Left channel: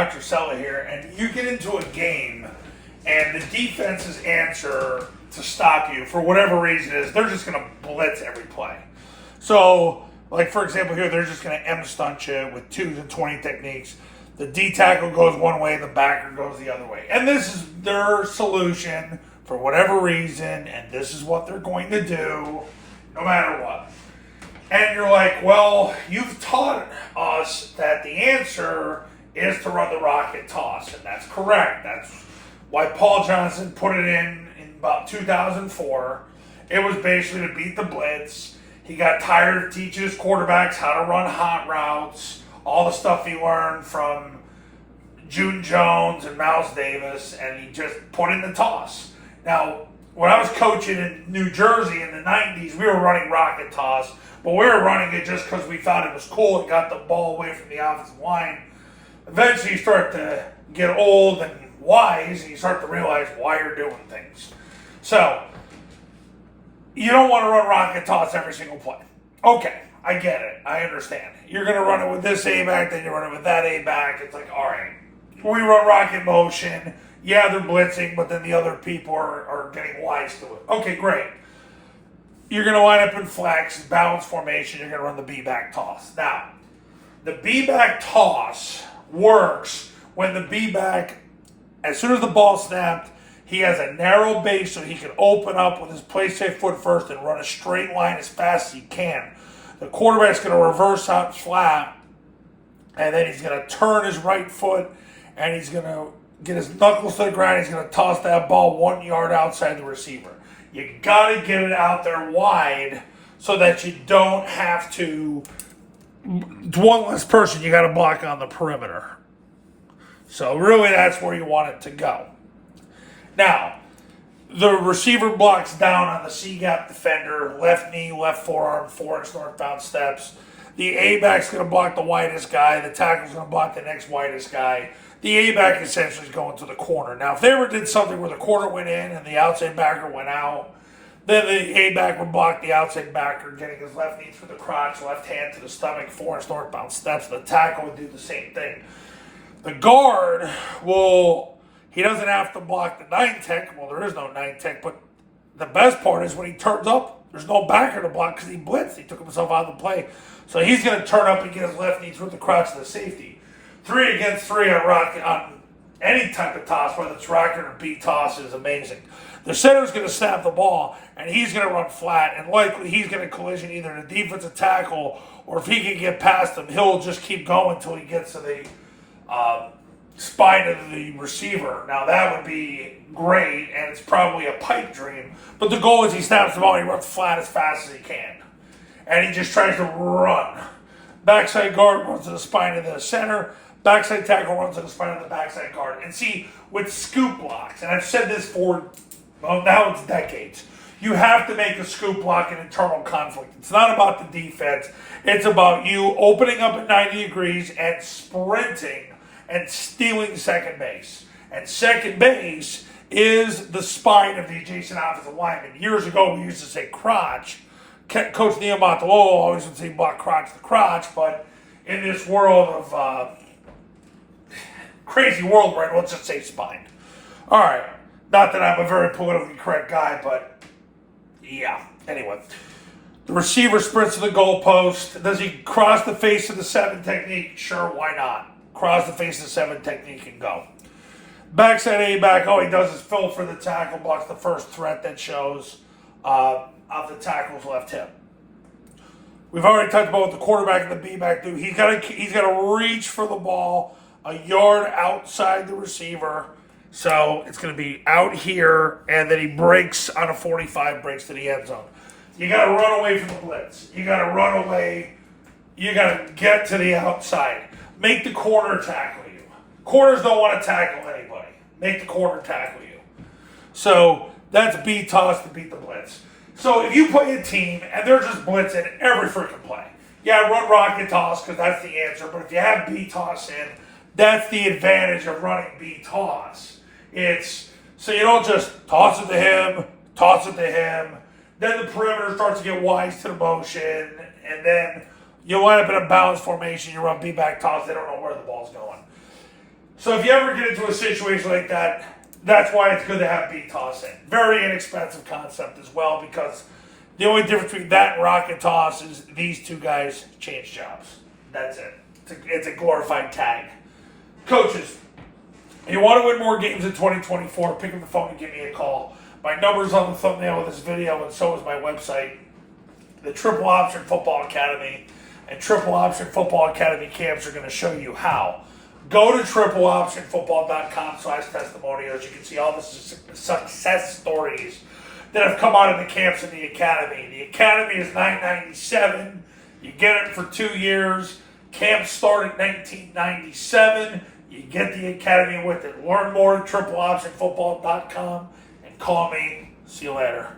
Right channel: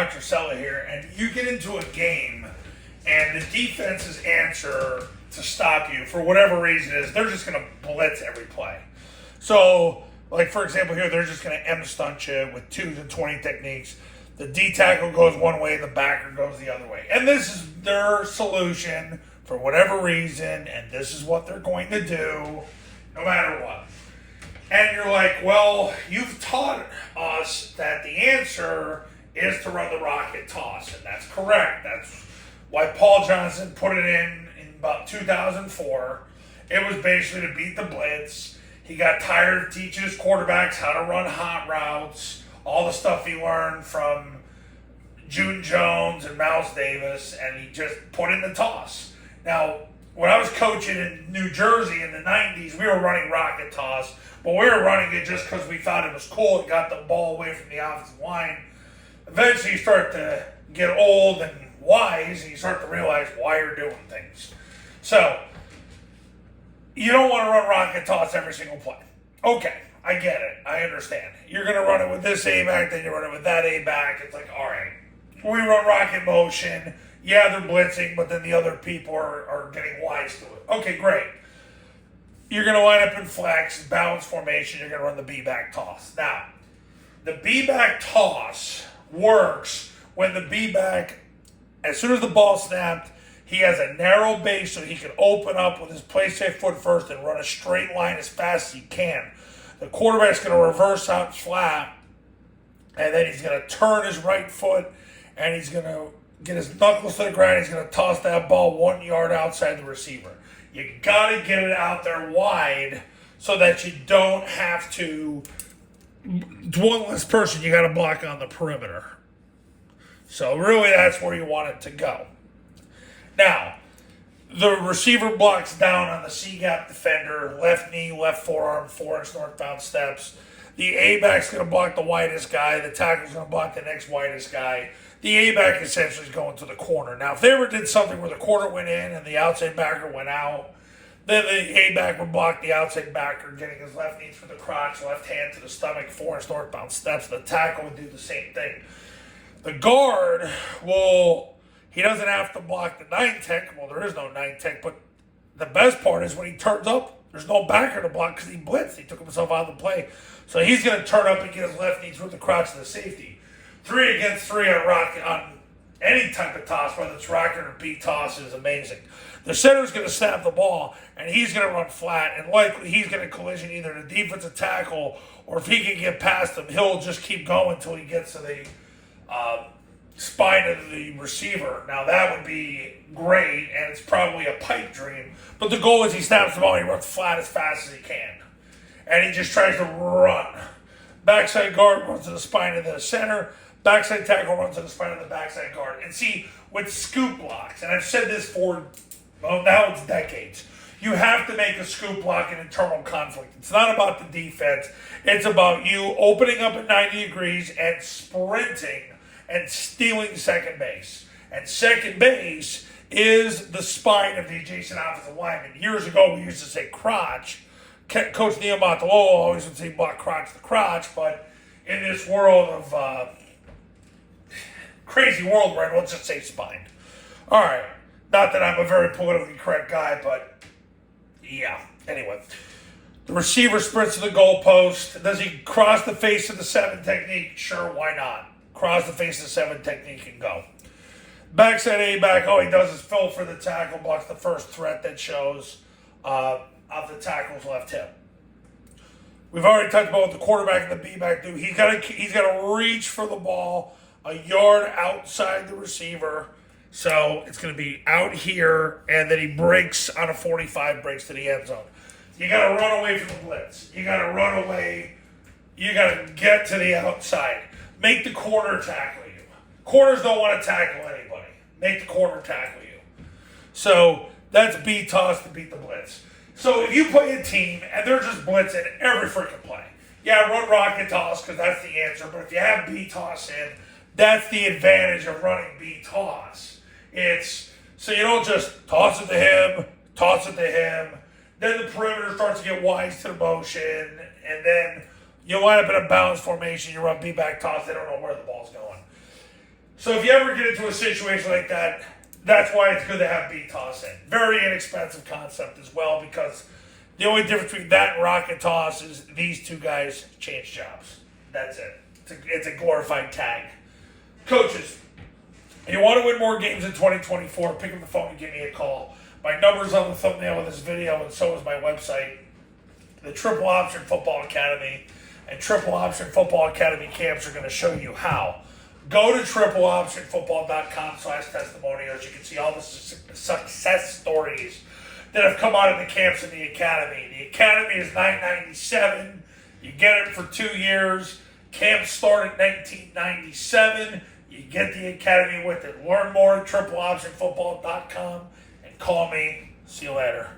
Dr. Cella here, and you get into a game, and the defense's answer to stop you, for whatever reason, is they're just going to blitz every play. So, like for example here, they're just going to M-stunt you with 2 to 20 techniques. The D-tackle goes one way, the backer goes the other way. And this is their solution for whatever reason, and this is what they're going to do no matter what. And you're like, well, you've taught us that the answer is to run the rocket toss, and that's correct. That's why Paul Johnson put it in about 2004. It was basically to beat the blitz. He got tired of teaching his quarterbacks how to run hot routes, all the stuff he learned from June Jones and Mouse Davis, and he just put in the toss. Now, when I was coaching in New Jersey in the 90s, we were running rocket toss, but we were running it just because we thought it was cool. It got the ball away from the offensive line. Eventually, you start to get old and wise, and you start to realize why you're doing things. So, you don't want to run rocket toss every single play. Okay, I get it. I understand. You're going to run it with this A-back, then you run it with that A-back. It's like, all right, we run rocket motion. Yeah, they're blitzing, but then the other people are getting wise to it. Okay, great. You're going to line up in flex, balance formation. You're going to run the B-back toss. Now, the B-back toss works when the B-back, as soon as the ball snapped, he has a narrow base so he can open up with his play-safe foot first and run a straight line as fast as he can. The quarterback's going to reverse out flat, and then he's going to turn his right foot, and he's going to get his knuckles to the ground. He's going to toss that ball 1 yard outside the receiver. You got to get it out there wide so that you don't have to. One less person you got to block on the perimeter. So really, that's where you want it to go. Now, the receiver blocks down on the C-gap defender, left knee, left forearm, 4-inch northbound steps. The A-back's going to block the widest guy. The tackle's going to block the next widest guy. The A-back essentially is going to the corner. Now, if they ever did something where the corner went in and the outside backer went out, then the A-back would block the outside backer, getting his left knee through the crotch, left hand to the stomach, 4-inch northbound steps. The tackle would do the same thing. The guard he doesn't have to block the 9-tech. Well, there is no 9-tech, but the best part is when he turns up, there's no backer to block because he blitzed. He took himself out of the play. So he's going to turn up and get his left knee through the crotch of the safety. 3 against 3 on any type of toss, whether it's rocket or B toss, is amazing. The center's going to snap the ball, and he's going to run flat, and likely he's going to collision either the defensive tackle, or if he can get past him, he'll just keep going until he gets to the spine of the receiver. Now, that would be great, and it's probably a pipe dream, but the goal is he snaps the ball and he runs flat as fast as he can. And he just tries to run. Backside guard runs to the spine of the center. Backside tackle runs to the spine of the backside guard. And see, with scoop blocks, and I've said this for, now it's decades, you have to make a scoop block an internal conflict. It's not about the defense. It's about you opening up at 90 degrees and sprinting and stealing second base. And second base is the spine of the adjacent offensive lineman. Years ago, we used to say crotch. Coach Neil Montalolo always would say block crotch to crotch, but in this world of crazy world we're in, let's just say spine. All right. Not that I'm a very politically correct guy, but yeah. Anyway, the receiver sprints to the goalpost. Does he cross the face of the 7 technique? Sure, why not? Cross the face of the 7 technique and go. Backside A-back, all he does is fill for the tackle, blocks the first threat that shows of the tackle's left hip. We've already talked about what the quarterback and the B-back do. He's got to reach for the ball a yard outside the receiver. So it's going to be out here, and then he breaks on a 45, breaks to the end zone. You got to run away from the blitz. You got to run away. You got to get to the outside. Make the corner tackle you. Corners don't want to tackle anybody. Make the corner tackle you. So that's B toss to beat the blitz. So if you play a team and they're just blitzing every freaking play, yeah, run rocket toss because that's the answer. But if you have B toss in, that's the advantage of running B toss. It's so you don't just toss it to him, toss it to him. Then the perimeter starts to get wise to the motion, and then you wind up in a balance formation. You run B back toss. They don't know where the ball's going. So if you ever get into a situation like that, that's why it's good to have B-Toss in. Very inexpensive concept as well, because the only difference between that and Rocket Toss is these two guys change jobs. That's it. It's a glorified tag. Coaches, if you want to win more games in 2024, pick up the phone and give me a call. My number's on the thumbnail of this video, and so is my website, the Triple Option Football Academy. And Triple Option Football Academy camps are going to show you how. Go to tripleoptionfootball.com/testimonials. You can see all the success stories that have come out of the camps in the academy. The academy is $997. You get it for 2 years. Camps start at $1997. You get the academy with it. Learn more at tripleoptionfootball.com and call me. See you later.